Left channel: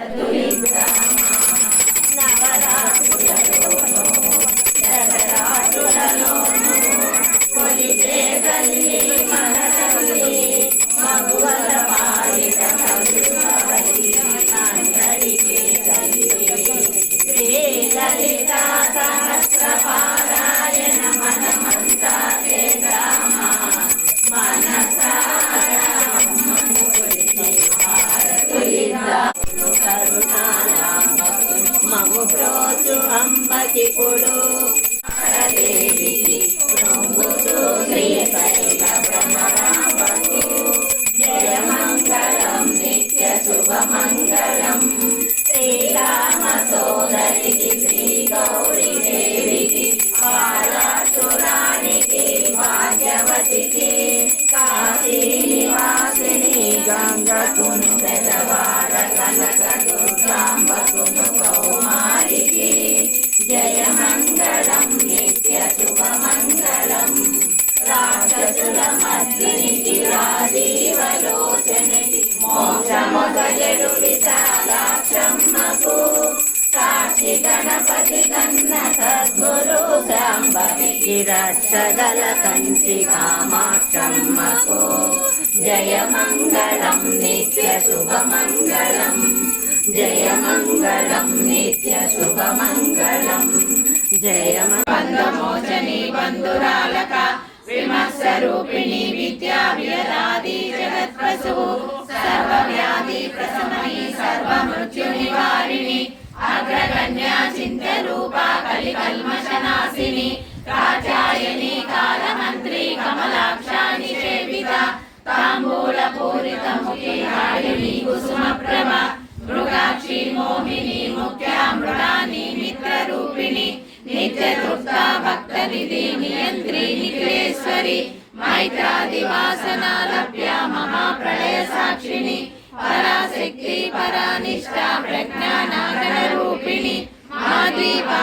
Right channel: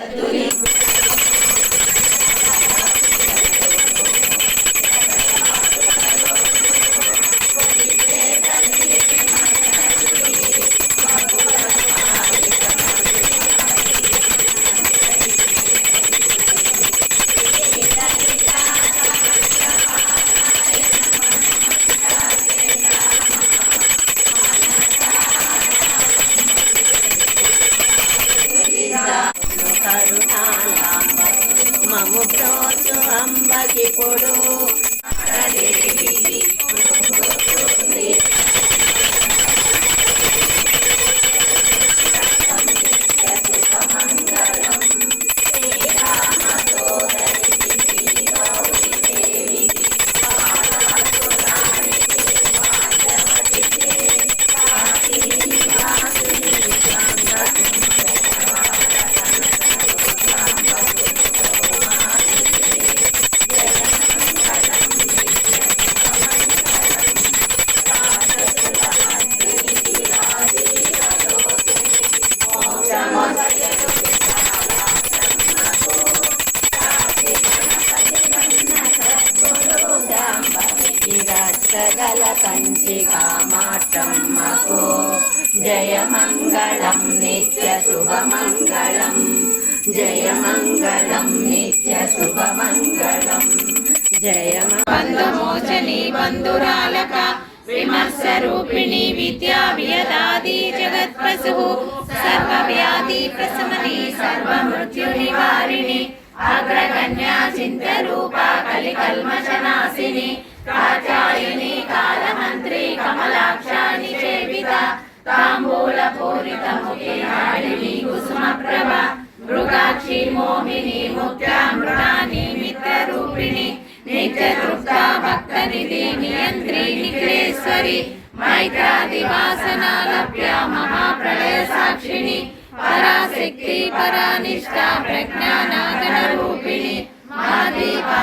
Hallelujah. Parabéns. రక్షగల Kanchi కామాక్షమ్మకు జయ మంగళం నిత్య శుభమంగళం జయ మంగళం నిత్య శుభమంగళం జయ బంధమోచని బంధురాలక విమర్శరూపిణి విద్యా వ్యదాది జగత్ప్రసు సర్వవ్యాధి ప్రశమని సర్వమృత్యు నివారిణి అగ్రకన్యా చింత రూపా కలికల్మషనాశిని కాచాయని కాలమంత్రి కమలాక్షాని సేవిత తాంబూల పూరిత ముఖి హారిణి కుసుమ ప్రభ మృగాక్షి మోహిని ముఖ్య మృడాని మిత్ర రూపిణి నిత్య తృప్త భక్త నిధి నియంత్రి నిఖిలేశ్వరి మైత్రాదివాసనాలభ్య మహాప్రళయ సాక్షిణి పరాశక్తి పరానిష్ట ప్రజ్ఞానాగణ రూపిణి మాదీపానాల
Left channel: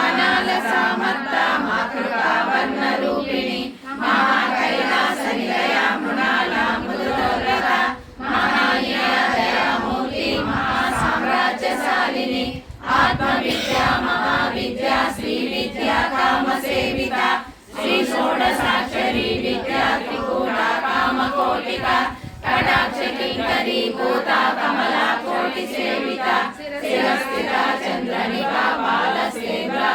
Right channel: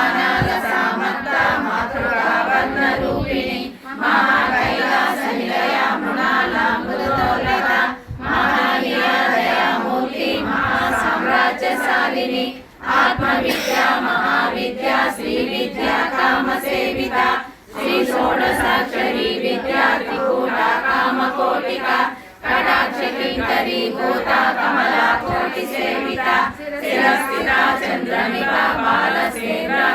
विद्या महाविद्या श्री विद्या कामसेविता श्री षोडशाक्षरी विद्या त्रिकोटा कामकोटिका कटाक्ष किङ्करी भूता कमला कोटिसेविता शिरस्थिरा चन्द्रनिका बालसेवा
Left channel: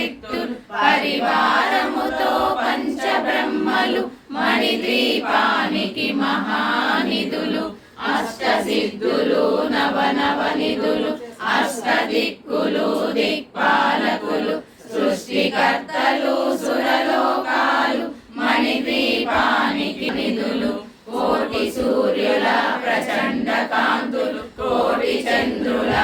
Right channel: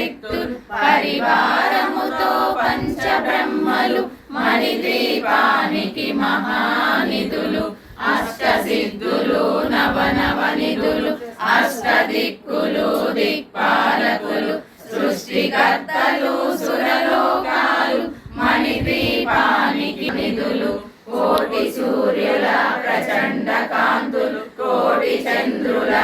పదారు పరివారముతో పంచబ్రహ్మలు మణిద్వీపానికి మహానిధులు అష్ట సిద్ధులు నవనవ నిధులు అష్ట దిక్కులు దిక్పాలకులు సృష్టికర్తలు సురలోకాలు మణిద్వీపానికి నిధులు కోటి సూర్యుల ప్రచండ కాంతులు కోటి చంద్రుల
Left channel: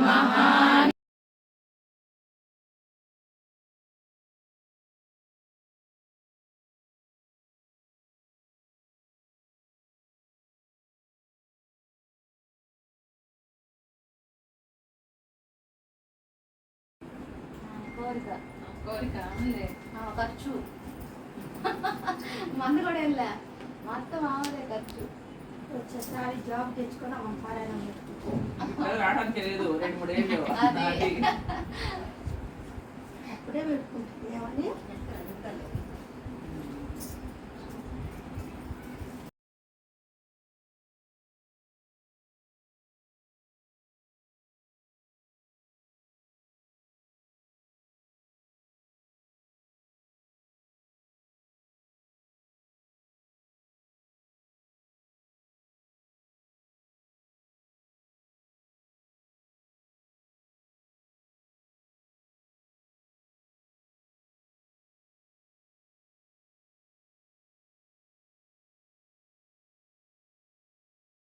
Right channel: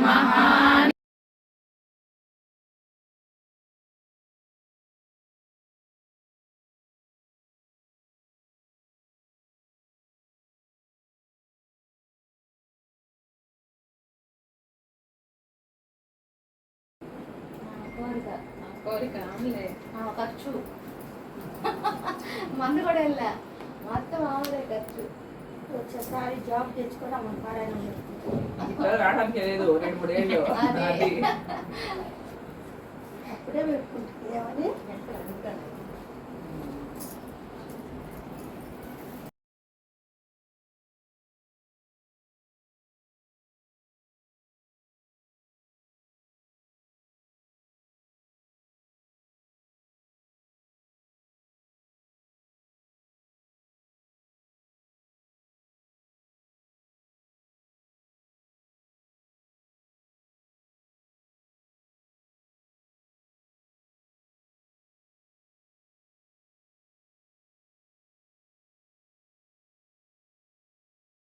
మణిద్వీపానికి కోరిక. కోరిక ఖర్చు. మందు కూడా వెళ్ళా. మొత్తం మామూలే ఖర్చు. వచ్చేసారి జాబ్ తెచ్చుకొని అమ్మ పారాయణం రావడానికి లేదు రెండు అప్పుడే పెట్టుకుంటుంది ఏమని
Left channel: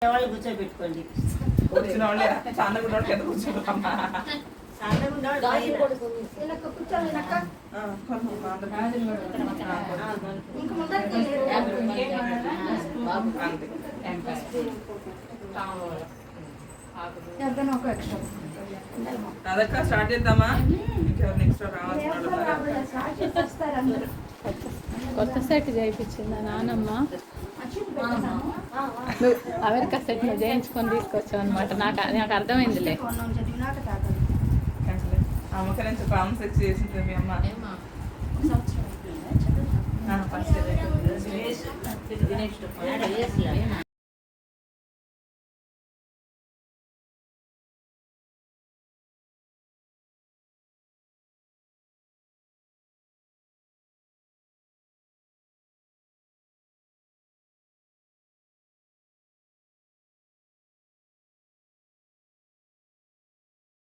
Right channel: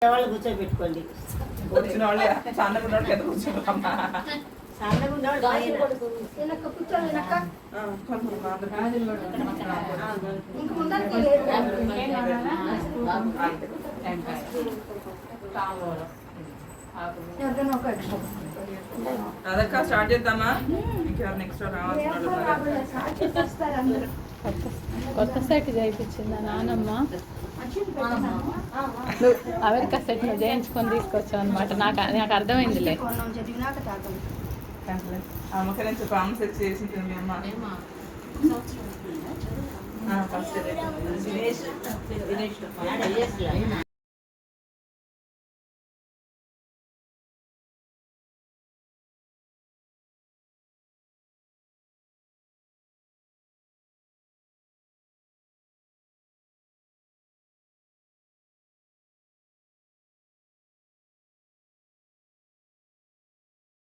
వాళ్ళు కూర్చోబెట్టుకోండి. వచ్చిన వాళ్ళే సన్నగా ఉన్నోళ్ళు కింద ఎక్స్ట్రా అదక్క స్టార్ట్ చేద్దామా? నెక్స్ట్ రావాల్సిన అందరూ కొత్త సెట్ చేయించింది నానమ్మ. అచ్చింది పెట్టాను. నువ్వు అమెరికా సెట్ నువ్వు చేయించుకొని తీసుకొచ్చావు అనమాట నాకు నాకు అర్థమైందిలే. మీ ఫస్ట్